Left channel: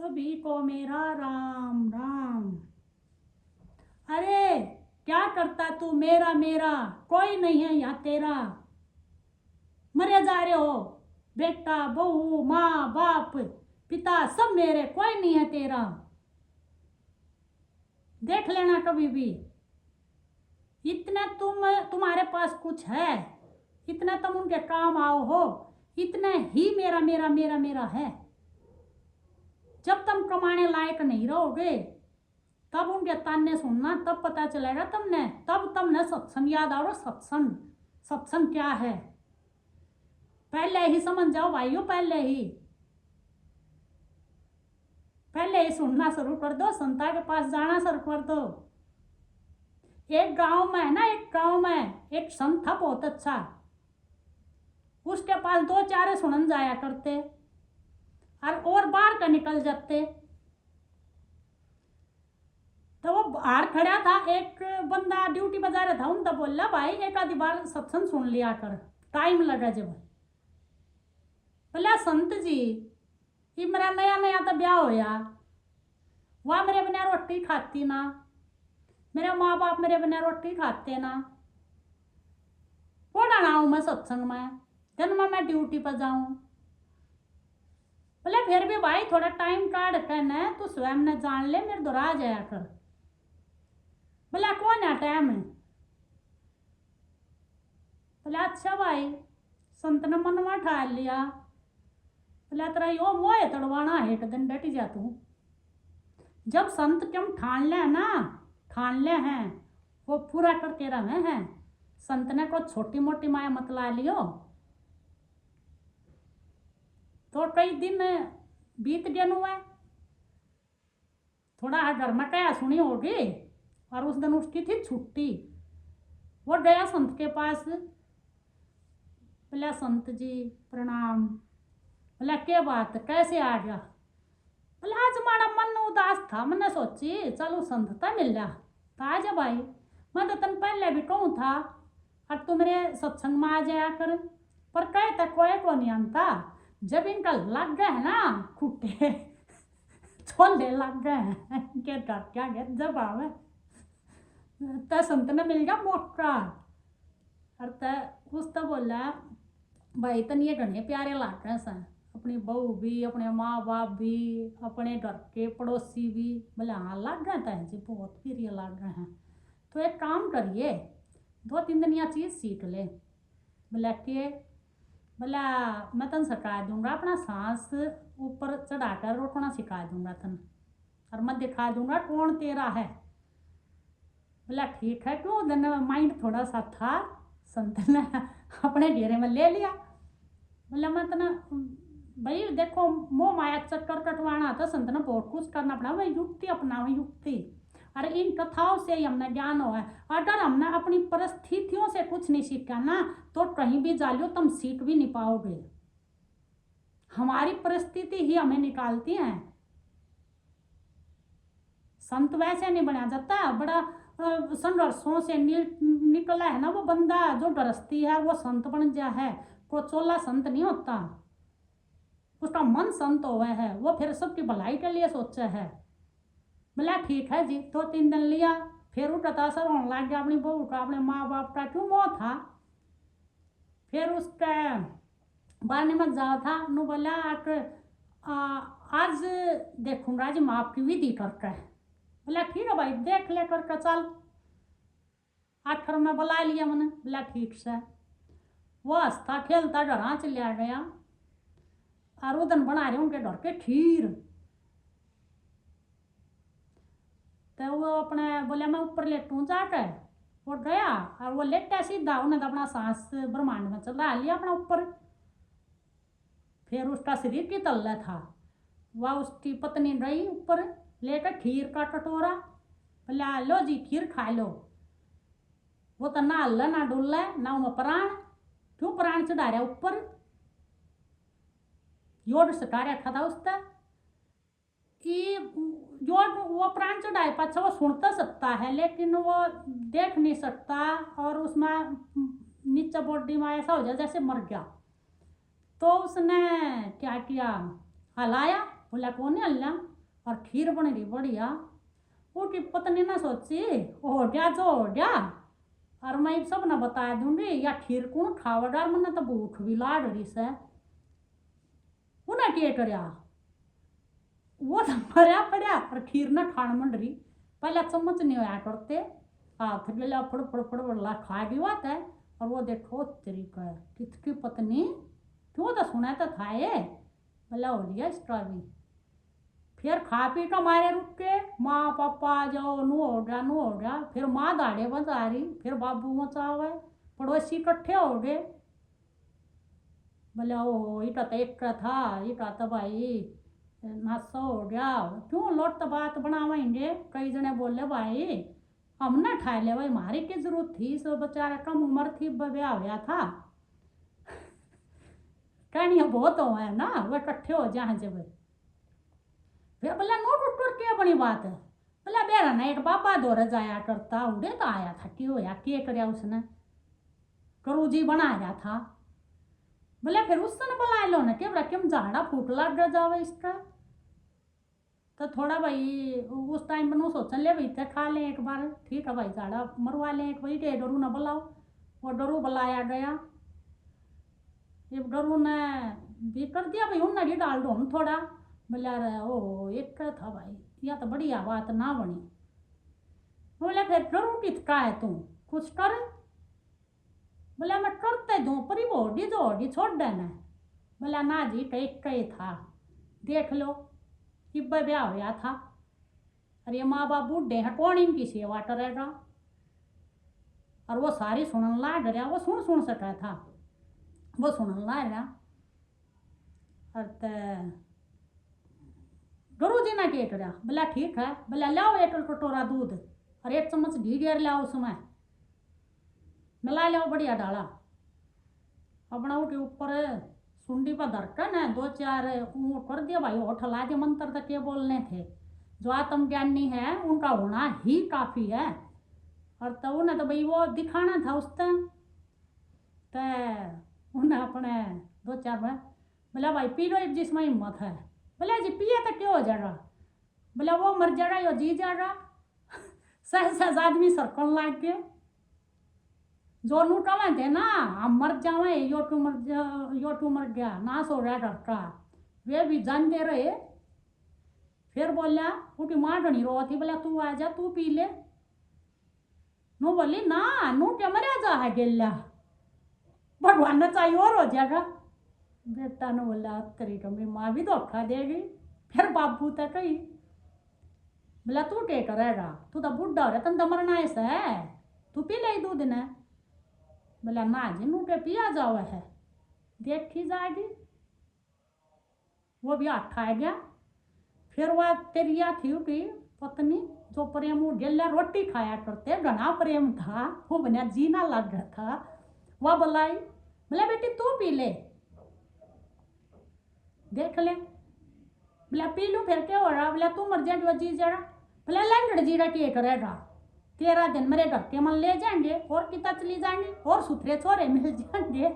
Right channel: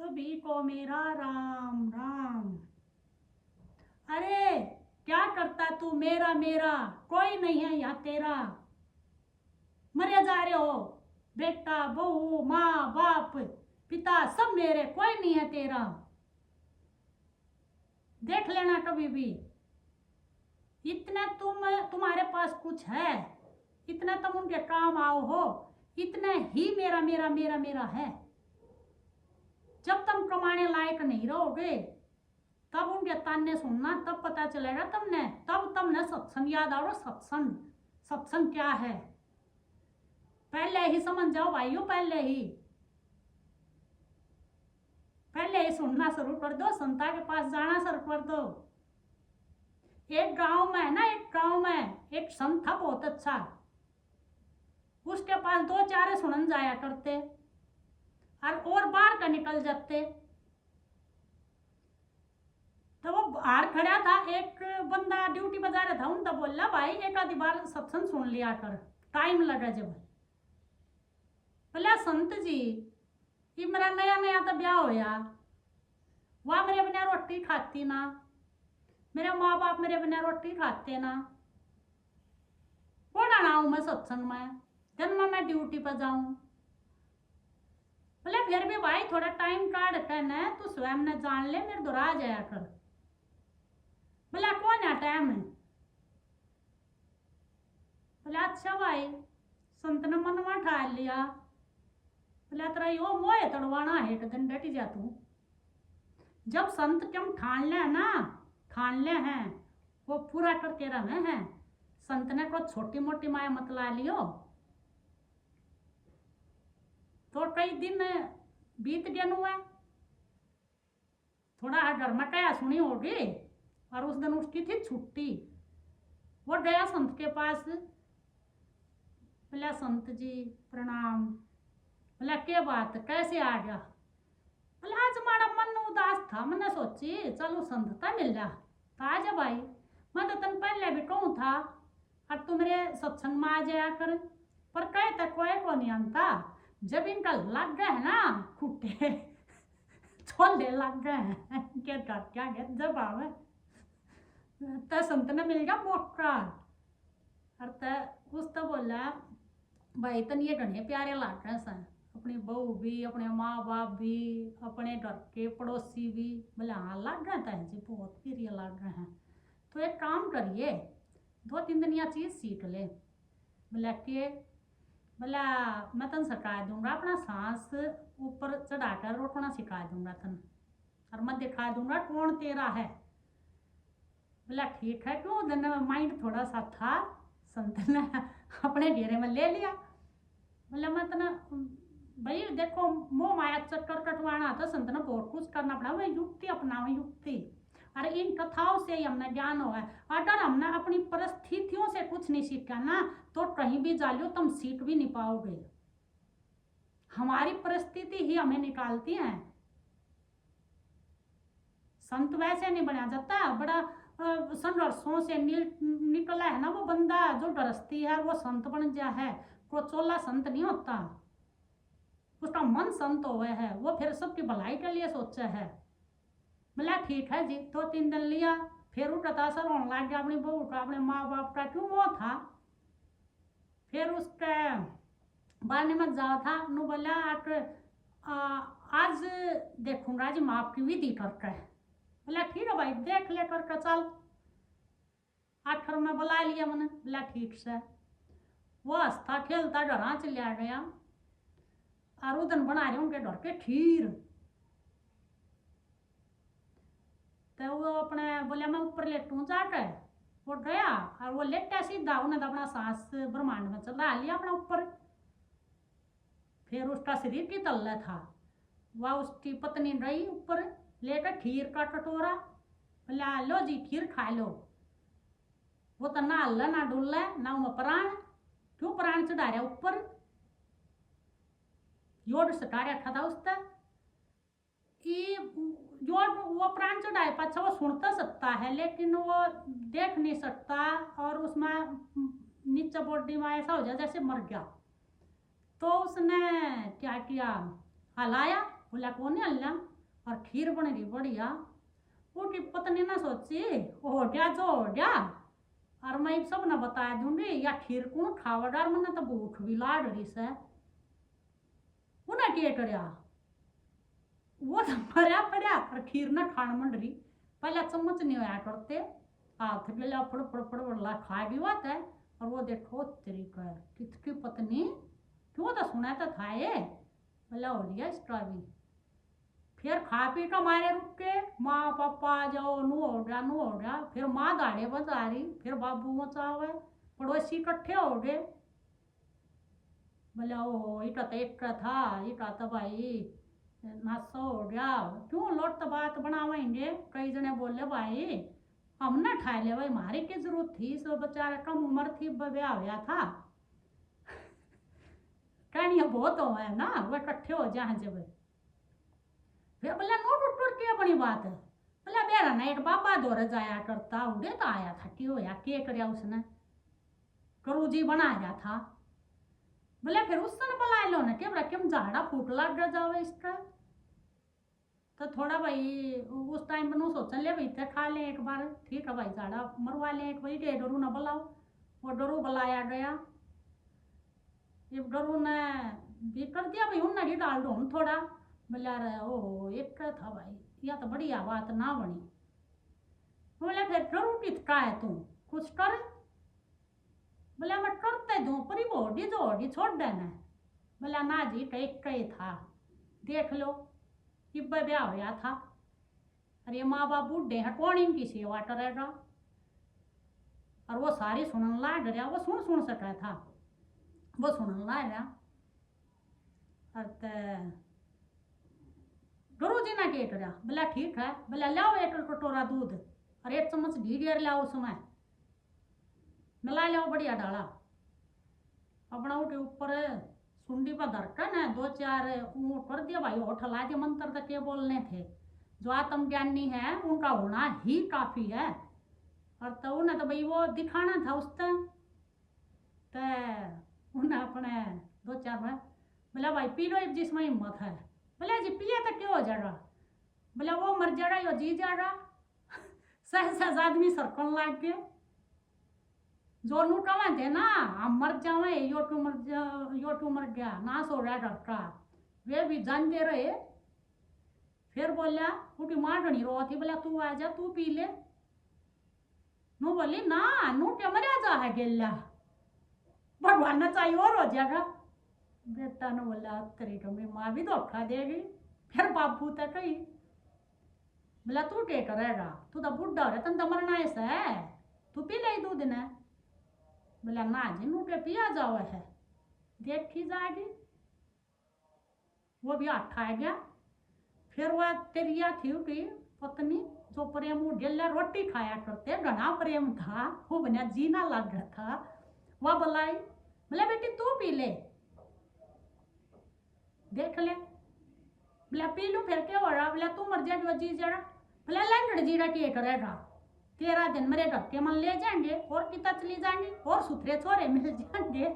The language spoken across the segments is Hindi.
सभी को मेरा राम राम। अरे क्या करता तू, मेरा मेरा कोई नहीं है यहाँ तेरा। मरे जा रहे हो, बेटा बहू माँ बाप पिता सब मेरे, कोई नहीं है तेरा। देख लेना कभी भी। इतना तुम्हारे पास कुछ है, इतना तुम उनके काम आओ हो, इतना ही मेरा मेरा मेरा मेरा है। जब तुम कमाने लायक नहीं रहोगे तब उनके ताने सुनना, तब पता चलेगा तुमने, तब तुमने सत्संग याद आओ। सत्संग सत्संग क्या है पहले ही समझ जाओ भाइयों। पहले ही सुनना शुरू कर दो, संता के पास जाना शुरू कर दो। एक गांव में है ना, एक गांव में एक संत था बहुत अच्छा। उसके पास दो चारे सुनन जाया करते और बाहर का निकल जाते। तो वो बाहर खड़ा था, एक बंदा ड्यूटी बजा रहा था, उनका बोला भाई एक आधी बार सत्संग सुन लिया कर, टाइम लगा जब। बोला संत जी ये मेरा नया नया तो ब्याह होया, वह मेरे बिना रोटी खाती ना, मेरे माँ बाप मेरे बिना रोटी खाते ना, पढ़ा ना हूं मैं सत्संग में, दिन में मैं ड्यूटी पर जाऊं। बोले फिर भी भाई थोड़ा टाइम काट कर न तू स्वयं ने जान ले, मेरे दोहरा आ जाया कर। बोला कौन है टाइम है। बोले अच्छा भाई, संत ने मनवा ठा लिया। बोला तेरा यो मोह तड़वाना है, एक दिन डट जा तू। जब संत तुम ठान ले ना, ठान ले हैं वो पूरा करते रहे हैं। संत ने को छोटी मोटी माया मत ला लियो। तो कई दिन बीत गए हुए, थोड़ा घर में क्या सुनी होगी, और उस दिन उसकी थी छुट्टी। वो गया संत के पास। बोला संत जी प्रणाम। बोला क्या बात, कैसे आ गया। बोला आज हमारा मन उदास था, मैंने सोची चलो संत था मिल जा, तो आ जा भाई। मैं तो तन पहले भी कहूँ था और तू मेरे सत्संग में आ जाया कर, पर कहे तक कोई को नहीं आता। जब इनका लग गए है ना खुट्टे छोले लग गए हैं क्या क्या गया, जब आवे तो संत ने मिल गया मौका। और उस तो बोला भाई तन ये घने प्यारे लाग रहे हैं, अपनी बहू भी, अपने माँ बाप भी, अपने घर के पड़ोसी भी। बोले हाँ लग गए थे जी, बहुत प्रिय लग रहे हैं। तो एक काम करिए, 2-3 दिन यह चीज़ सीख ले। बोला के, बोला मैं तन सिखा दूंगा, अपना सांस ऊपर चढ़ाकर रोकना सिखा दूंगा तन, और मैं दिखा दूंगा कौन तेरा है। बोला ठीक है। क्यों दिन माइंड थोड़ा सा था, संत ने अपने घेरे में ले लिया। बोला मैं तना भाई देखो मोह माया चक्कर कटवाना था, संत ने बहुत कुछ करना पड़ा, वह युक्ति अपनाओ युक्ति। और इन कथाओं से ही हमने ज्ञान हुआ है। अगर हमने अपनी परिस्थितियों से कुछ नहीं सीखा ना, तो कहीं भी जा लो तुम सीख भी नहीं पाओगे। हमारी परिस्थिति ही हमें निकालती है। संत वैसे नहीं बना जाता, बड़ा संघर्षों से निकला है ना वो बंदा, जो गृहस्थी है वो संत बन जा है। को चोला संत नहीं होता, उसका मन संत हुआ है, वो फिर सबकी भलाई के लिए सोचा है। बोला ठीक है जी। 2-3 दिन लिया, फिर उठता असर होने लग गया अपनी बहू का, अपने माँ बाप का, क्यों मोह था। फिर उसके बारने मत जाओ था नु। बोला आज देखूंगा जी माँ की विधि करके। बोला ठीक है भाई देख ले करके चल। आखिर में बुला लिया मैंने। बोला ठीक से। वो हंसता खेलता घर चलिया गया, और उदन बना रहे उनके घर के खीर। तो वो अपने बोले मैं ऊपर लेटूं जाके, वो गया और वो लेटा सीधा, उन्हें तो अपना सांस ब्रह्मांड में चला लिया अपना ऊपर। फिर उसका शरीर की तल्ला था, वह उसकी पत्नी रही ऊपर लेकर खीर का कटोरा। बोला लो जी खीर खा लो। वो तो ना हल्ला ना डुल्ला ना उमा प्राण, क्यों प्राण चढ़ा रहा ऊपर, योड सटा रखा था उसका कि योड वो प्राण चढ़ाए पाछा वो सुन तो सकता है लेकिन वो देख नहीं सकता, और उसमें नीचे बॉडी में ऐसा हो जाए जैसे मर गया। तो उसने क्या किया, हलाया। बोला कौन है हल्ला। और खीर बन रही बढ़िया। उसकी पत्नी ना सोची हो गया जो हो गया, और मैं सब ना बता दूंगी या खीर कौन खावा डार, मैंने तो भूख भी लाड़ रही से। उन्हें क्या करया, वो तो मरिया पड़ा और खीर ना खान मंड रही। पहले चम्मच नहीं होया करते, हाथ गला फड़ फड़ फड़ फड़ खा गई बात है। और वो देखो तरीका है किसकी पत्नी, क्यों तो सुना तो था ये, भला हो लिया इसका भी। फिर खा पी तो मारे रुक के माँ पापा आ जाओ, नू हो गया नू हो गया। फिर माँ दाड़े बजा रही, फिर बाबू मचावे, पड़ोसी इकट्ठे हो गए। बोले ओ इटा तो एक का था, इटा तो भाई नाश्ता हो गया, क्यों लोट तो बात बनावेंगे। कई जने बोले भाई हम ना ठा ले भाई, हमारी की जरूरत थी, सो बेचारा कम उम्र थी ब्याह हुआ था। कहनी बहुत हो है ना, वह इकट्ठे हो जाए जब। फिर बोला नोट उठ कर क्या बड़ी बात है। बोला बेरा ना एक बाबा दौरे जाया करता, उड़े तो आया था, क्यों होया के करया उसने, करू जी बनाया था। बोले फिर उसने बुला लो ना, क्या क्यों झाड़ा फूट लग जावे इसका। तो थोड़ा भाई उस टाइम पर सोचन ले भाई खा लें एक बार, ठीक है भाई झाड़ा मरवा लें एक भाई, के डरू ना बुलाओ। वो डरू बुलाया गया, ये डरू ने भी कर दिया भाई, उन नड़ी डाल दो हम थोड़ा। बोला रे ओ एक था भाई, या तो बढ़िया बात ना बनी। बोले फिर डरू किसका है तू, कुछ कर। बोला मैं करते दूँ पर बोडी जोड़ी छोड़ देना। बोला ना जी एक ही था, देख लो किब्बे ब्याह होया था। अरे माँ बाप बूढ़े हैं, कौन इनकी सेवा करेगा। और वो सारी सुनन लाग रहा, वो सुन सका था, वो सुनन लाग रहा। और गुरु जी ने क्या करा, बोला ठीक है, बोला लाओ एक कटोरा दूध और एक चम्मच घी गेर लाओ, उसमें मिला लाओ बढ़िया डाला। अपना के ऊपर सुंडी पर धरकर ना दो चार ऊँट कर दिया भाई, होठ ला के मंत्र तक के बोलने थे। जो आत्म ज्ञानी है उनका होना ही काफ़ी है। और तो उन्हें तो भाई वो दिखाना था उस टाइम, तो उन्हें अपने दो चार में बोला भाई पी लो जिसमें हिम्मत है। बोला जी पिए तो क्यों हो जाएगा। बोला वो मर जाएगा यो जी जाएगा। सहज आदमी सरकन लाग के जो नू कमाते ना, हम मर जावे यो टू मर गया नाश हो गया डरका, वे भी जान दे रहे। फिर बोला उठी माँ घनी रो थी, बोला तू आ जा तू पी ले। नू बोली ना नू क्या मरिया जा है गेला, भगवान ने चाहिए और हो जाएगा। बेटा ने बोला तेरी कमी माँ भी धोखा देगी। फिर बाबू तक कही, बोला तू क्या करेगा, तू तो बुढ़ा हो रहा, तन तो मरना ऐसा है, तू पी ले दूध ने। बोला ना जी नू के पिया जाओ है, देखी जाएगी। वो भी हाथ खा गया। फिर वह तेरिया थी कि पत्नी जो प्रेम गेला रोटी खाया करते, घना प्रेम था, वो बना जीना लग रहा था। वह बुलाई, बोला बेटी तू पी ले देख ले। बोला पी लूँ फिर क्या हो रहा। बोला तू मर जाएगी वो जी जरा। बोला लंगड़ जीरा क्या करेगा, 13 दिन मेरे घर के मन ले जाएंगे और कितना चली जाएंगे और सुथरे छोरे मिल जाएंगे।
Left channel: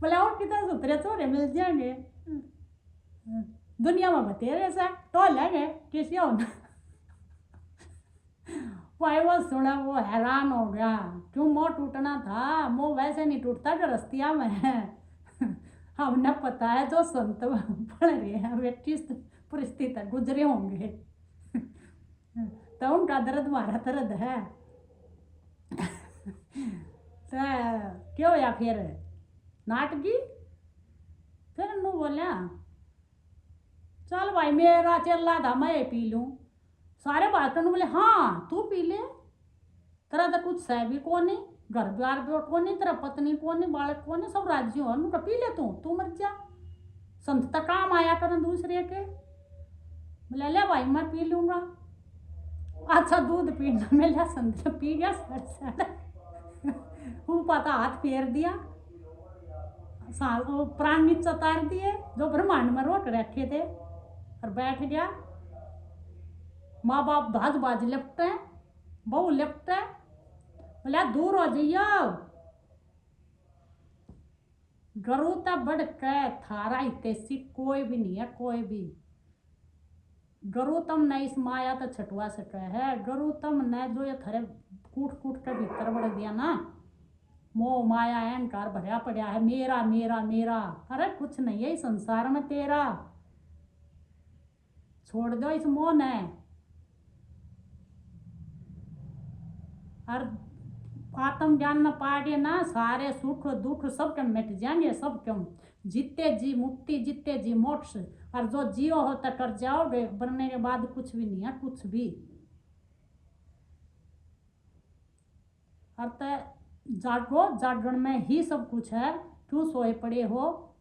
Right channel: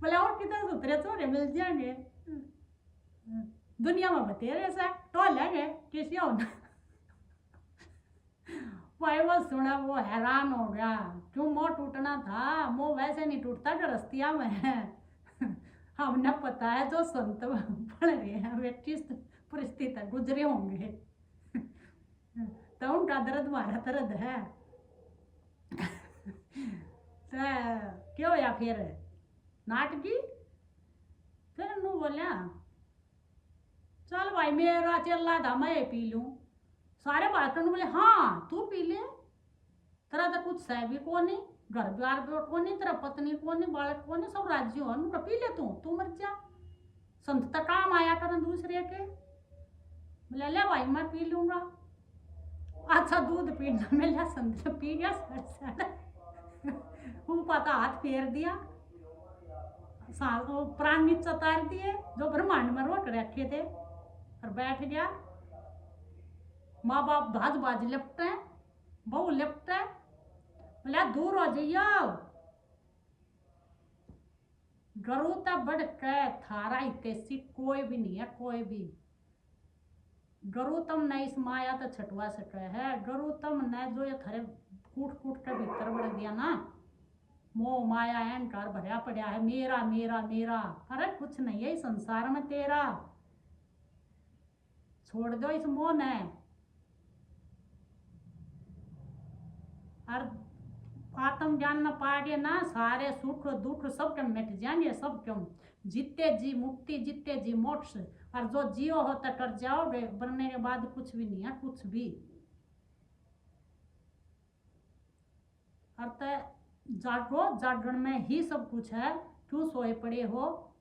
बोला और कितना सुथरे छोरे मिल जाएंगे, दुनिया में बतेरे से तो लेंगे किसी होना। भाई वो सुना वो हैरान हो गया, क्यों मोह टूटना था, मोह वैसे नहीं टूटता कि रस्तिया में है। हमने पता है जो संत पढ़ रहे हैं वे किस परिस्थिति गुजरे होंगे, तो उनका दर्द हमारा दर्द है। तो क्यों या फिर नाटकी। फिर नू बोलिया चल भाई मेरा चला था मैं पी लूँ। सारे बातों बोले हाँ तू पी ले, तेरा तो कुछ सह भी कौन नहीं, घर द्वार भी कौन नहीं, तेरा पत्नी कौन नहीं, बालक कौन नहीं, सब राज्य हो उनका पी ले तू मर जा, संत तक काम आया कर दूसरे के। बोले ले भाई मैं पी लूँगा। अच्छा दूध पीना मिला, संत पी गया वो पता हाथ फेर दिया, वो प्राण नीचे उतार दिए जो ब्रह्मांड में रोक रखे थे और बैठ गया। माँ बाप दाज बाज लिपटे, बहू लिपटे, बोला दूर हो जाइयो, गरु ता बढ़ के थारा हितेशी कोई भी नहीं है, कोई भी। गरु तम न इस माया तो छटवा सके है। गरु तम न जो ये थारे कूट कूट के भीतर बढ़ दिया ना, मोह माया अहंकार भरया पड़ा है, मेरा मेरा मेरा। अरे कुछ नहीं है इस संसार में तेरा, छोड़ दो इस मोह ने। और आत्म ज्ञान न पाए ना, सारे सुख दुख सब के मिट जाएंगे, सब क्यों। जीते जी मुक्ति, जीते जी मोक्ष। और जो जियो होता कर जाओगे, बनने के बाद कुछ भी नहीं है, कुछ भी। और जागो, जागरण में ही सब कुछ है, क्यों सोए पड़े हो।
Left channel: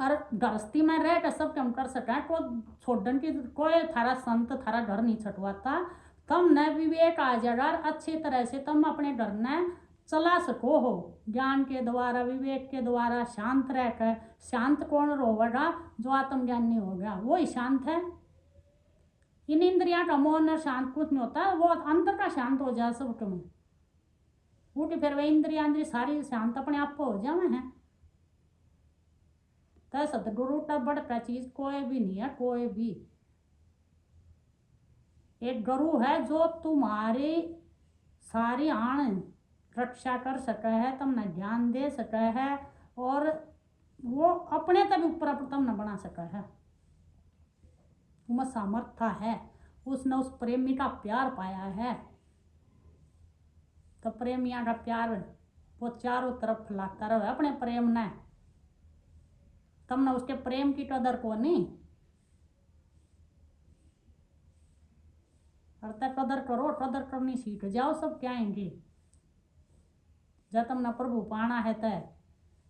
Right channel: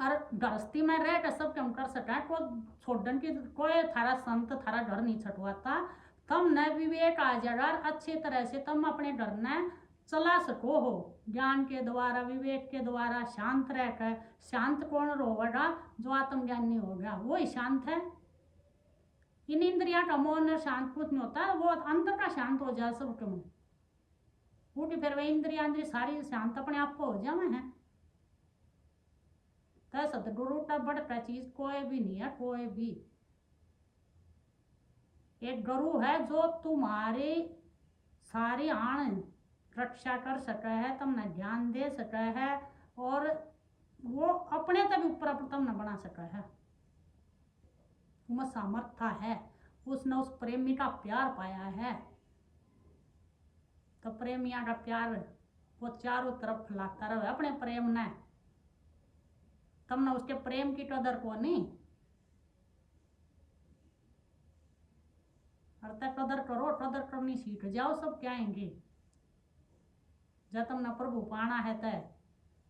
और गृहस्थी में रह कर सब कम कर सका, को छोड़न की कोई थारा संत थारा घर नहीं छटवाता। तम न विवेक आ जाएगा, अच्छी तरह से तुम अपने घर ने चला सको हो, ज्ञान के द्वारा, विवेक के द्वारा, शांत रहकर। शांत कौन रोवेगा? जो आत्मज्ञानी हो गया वो ही शांत है। इन इंद्रिया का मोह शांत कुछ नहीं होता, वो अंदर का शांत हो जाए सब कम उठ, फिर वह इंद्रिया सारी शांत अपने आप को हो जाए हैं। तो सदगुरु का बढ़कर चीज कोई भी नहीं है, कोई भी। एक गुरु है जो तुम्हारी सारी आन रक्षा कर सके है, तुमने ज्ञान दे सके है, और वो अपने तक ऊपर तुमने बना सका है। तुम्हें सामर्थ्य है, उसने उस प्रेमी का प्यार पाया है। तो प्रेमिया का प्यार वो चारों तरफ फैलाता रहे अपने प्रेम ने। तुमने उसके प्रेम की कदर को नहीं, कदर करो, कदर करनी सीख जाओ, सब क्या आएंगे। जब तुमने प्रभु पाना है तय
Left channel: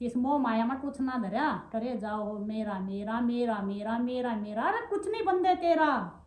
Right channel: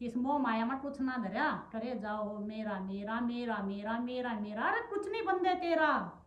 इस मोह माया में कुछ ना धरा करे जाओ, मेरा मेरा मेरा मेरा मेरा मेरा। अरे कुछ नहीं बंदे तेरा।